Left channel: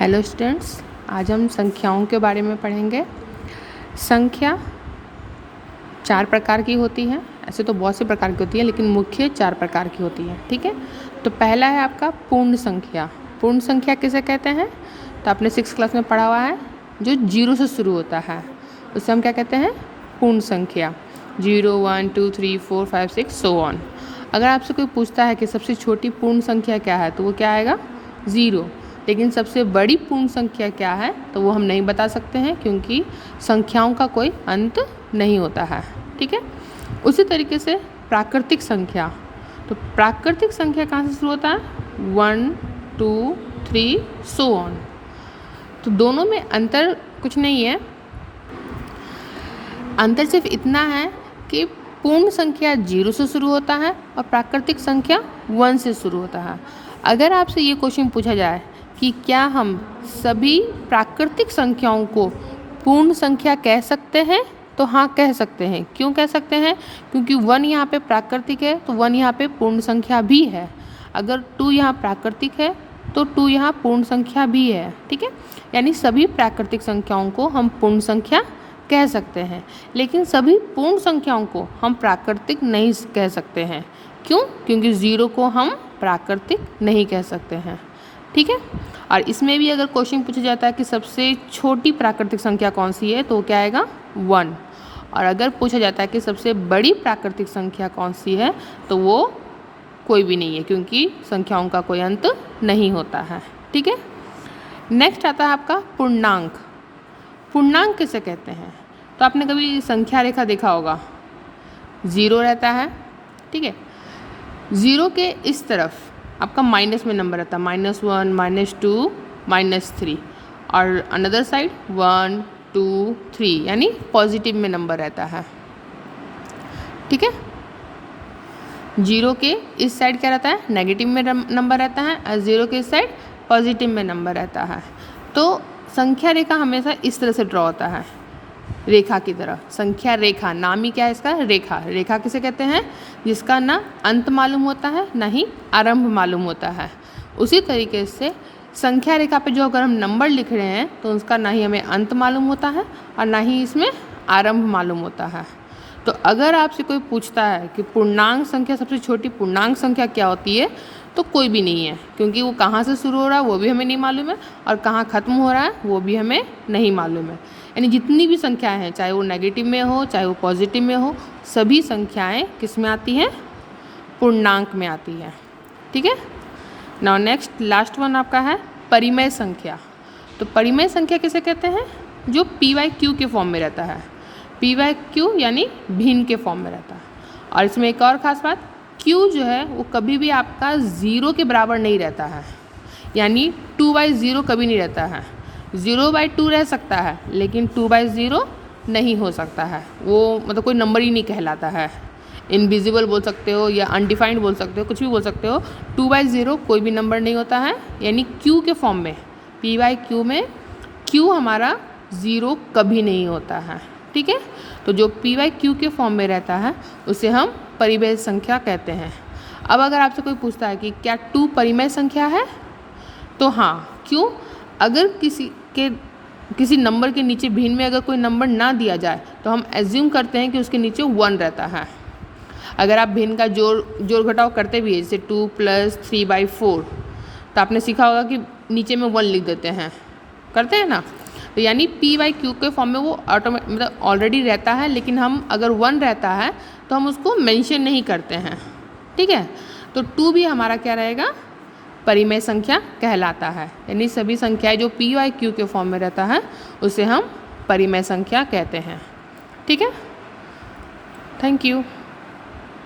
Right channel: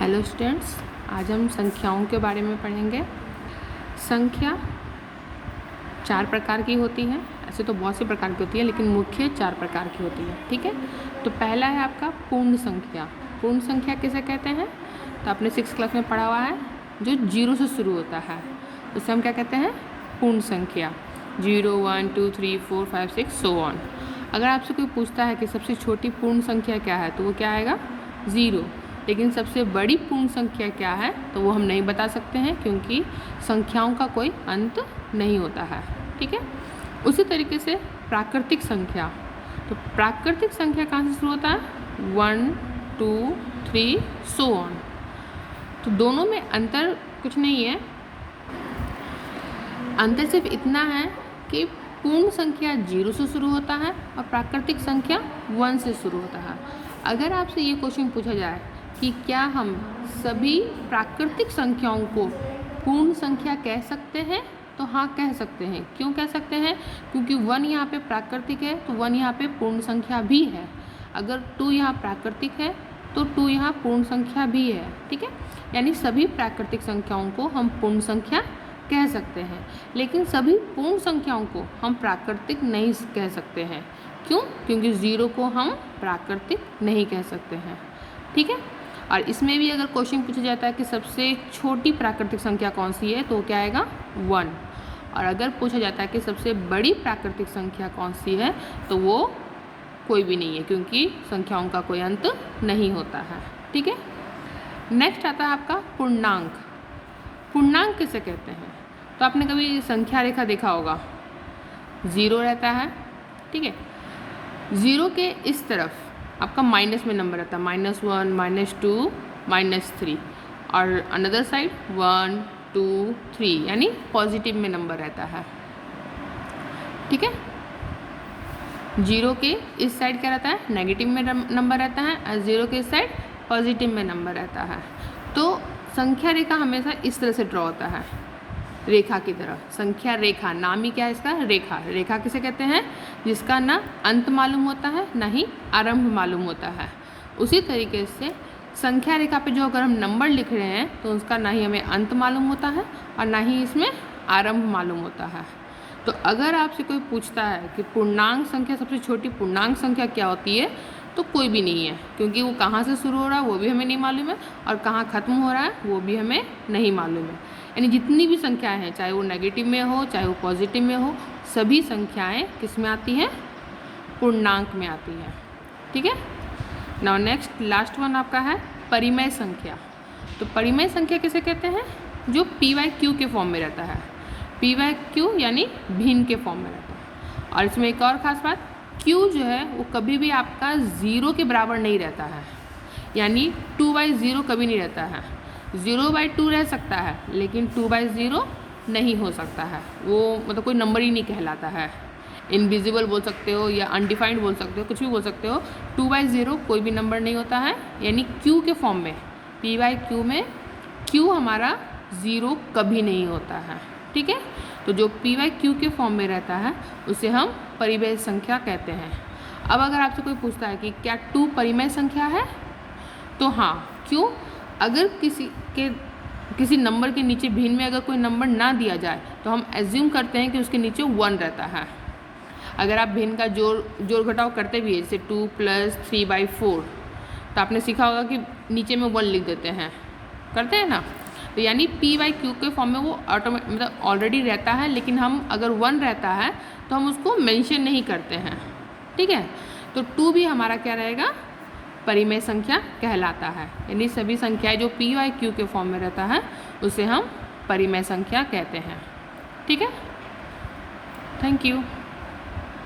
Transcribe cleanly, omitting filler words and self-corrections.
Hello students, आज हम संख्याओं के बारे में पढ़ेंगे। संख्या 4 प्रकार की होती है। ऐसे तो बहुत से प्रकार की होती है, लेकिन मुख्य 4 प्रकार की होती है। ठीक है, तो पहला है आपका पूर्ण संख्या। पूर्ण संख्या किसे कहते हैं? तो आपने 6th क्लास में पढ़ा हुआ है, जो 0 से शुरू होता है उसे हम क्या कहते हैं? पूर्ण संख्या। 0, 1, 2, 3, 4, 5, 6 सो ऑन। अगर आपसे कोई पूछता है कि सबसे छोटी पूर्ण संख्या क्या है, तो वो क्या आएगा? 0। लेकिन सबसे बड़ी पूर्ण संख्या क्या है, तो वो हम नहीं बता सकते हैं, क्योंकि संख्याओं का कोई अंत नहीं होता है। ठीक है, उसी तरीके से प्राकृतिक संख्या। तो प्राकृतिक संख्या कहाँ से शुरू होता है? 1, 2, 3 सो ऑन। तो दोनों में अंतर कुछ नहीं है। अंतर सिर्फ इतना है कि पूर्ण संख्या 0 से शुरू होता है और प्राकृतिक संख्या 1 से शुरू होता है। अगर आपसे ये क्वेश्चन पूछा जाए कि क्या हम सभी प्राकृतिक संख्याओं को पूर्ण संख्या कह सकते हैं, तो हाँ, कह सकते हैं। क्यों कह सकते हैं? क्योंकि 1 यहाँ पे प्राकृतिक है, तो 1 यहाँ पे पूर्ण संख्या भी है। अगर 2 यहाँ प्राकृतिक है, तो 2 यहाँ पूर्ण संख्या भी है। ठीक है, यानी सभी प्राकृतिक संख्याओं को हम पूर्ण संख्या कह सकते हैं, लेकिन सभी पूर्ण संख्याओं को हम प्राकृतिक नहीं कह सकते हैं। क्यों? क्योंकि 0 को हम प्राकृतिक नहीं कह सकते हैं। ठीक है, और इसमें भी अगर क्वेश्चन पूछा जाता है कि सबसे छोटी प्राकृतिक संख्या कौन सी है, तो क्या आएगा? 1। और अगर पूछा जाता है कि सबसे बड़ी प्राकृतिक संख्या कौन सी है, तो वो कोई भी नहीं है, क्योंकि संख्याओं का कोई अंत नहीं होता है। ठीक है, नेक्स्ट आता है आपका पूर्णांक। पूर्णांक किसे कहते हैं? तो आपने कभी संख्या रेखा देखा होगा, 0 रहता है। ठीक है, 0 के इस तरफ आपका माइनस में नंबर रहता है, -1, -2, -3, और अनदर साइड 1, 2, 3, यानी पॉजिटिव में नंबर रहता है। ठीक है, 0 के इस साइड क्या रहता है? नेगेटिव में नंबर रहता है, और 0 के इस साइड पॉजिटिव में नंबर रहता है। तो संख्या रेखा हमेशा इस तरह से ड्रॉ होता है, रेखा की तरह। संख्या रेखा, नाम ही क्या है इसका? रेखा। रेखा किसे कहते हैं? जिसका ना अंत मालूम होता है, ना ही आरंभ मालूम होता है। उसी तरीके से संख्या रेखा पे जो अगर हम नंबर लिख रहे हैं, तो उसका ना ही हमें अंत मालूम होता है और ना ही इसमें आरंभ मालूम होता है। तो अगर आपसे कोई पूछता है कि पूर्णांक संख्या, सबसे छोटी पूर्णांक संख्या क्या होती है, तो कोई भी नहीं है, क्योंकि वो कहाँ से शुरू हो रहा है वो भी हमें नहीं मालूम है, और कहाँ ख़त्म हो रहा है वो भी हमें नहीं मालूम है। यानी जितनी भी संख्याएं हैं, चाहे वो नेगेटिव में हो चाहे वो पॉजिटिव में हो, सभी संख्याएं किस में आती हैं? पूर्णांक में आती है। ठीक है, नाउ नेक्स्ट लास्ट वन आपका है परिमेय संख्या। तो परिमेय संख्या किसे कहते हैं? जो PYQ के फॉर्म में रहता है। PYQ यानी भिन्न के फॉर्म में रहता है। और इसमें एक और ख़ास बात, Q जो है वो कभी भी आपका 0 के बराबर नहीं रहता है, यानी 2/0 कभी नहीं रहता है। 0/2 रह सकता है, लेकिन 2/0 नहीं हो सकता है। वो मतलब कोई नंबर ही नहीं कहलाता है। इनविजिबल बोल सकते हो या अनडिफाइंड बोल सकते हो, कुछ भी बोल सकते हो। 2/0 कोई भी नंबर नहीं होता है, यानी Q के फॉर्म में, PYQ में Q हमारा 0 कभी नहीं होता है। ठीक है, तो जो PYQ के फॉर्म में रहता है उसे हम परिमेय संख्या कहते हैं। अब अगर आपसे कोई पूछता है कि क्या 2 परिमेय संख्या है, तो हाँ। क्यों? अगर किसी नंबर के नीचे भिन्न में अगर कोई नंबर ना दिया जाए, तो हम एज्यूम करते हैं कि उसके नीचे 1 रहता है। अगर आप भिन्न का जोड़ घटाव करते भी है, जैसे 2 + 3/4, तो आपने सीखा होगा कि नीचे में 1 लिख देते हैं, करते हैं ना। तो यानी PYQ के फॉर्म में वो मतलब ऑलरेडी रहता है, लेकिन हम अगर 1 रहता है तो हम उसको मेंशन नहीं करते हैं। ठीक है, तो 2 भी हमारा क्या रहेगा? परिमेय संख्या कहलाता है। यानी सभी संख्याएं जो PYQ के फॉर्म में रहता है उसे हम परिमेय संख्या कहते हैं। ठीक है, थैंक यू।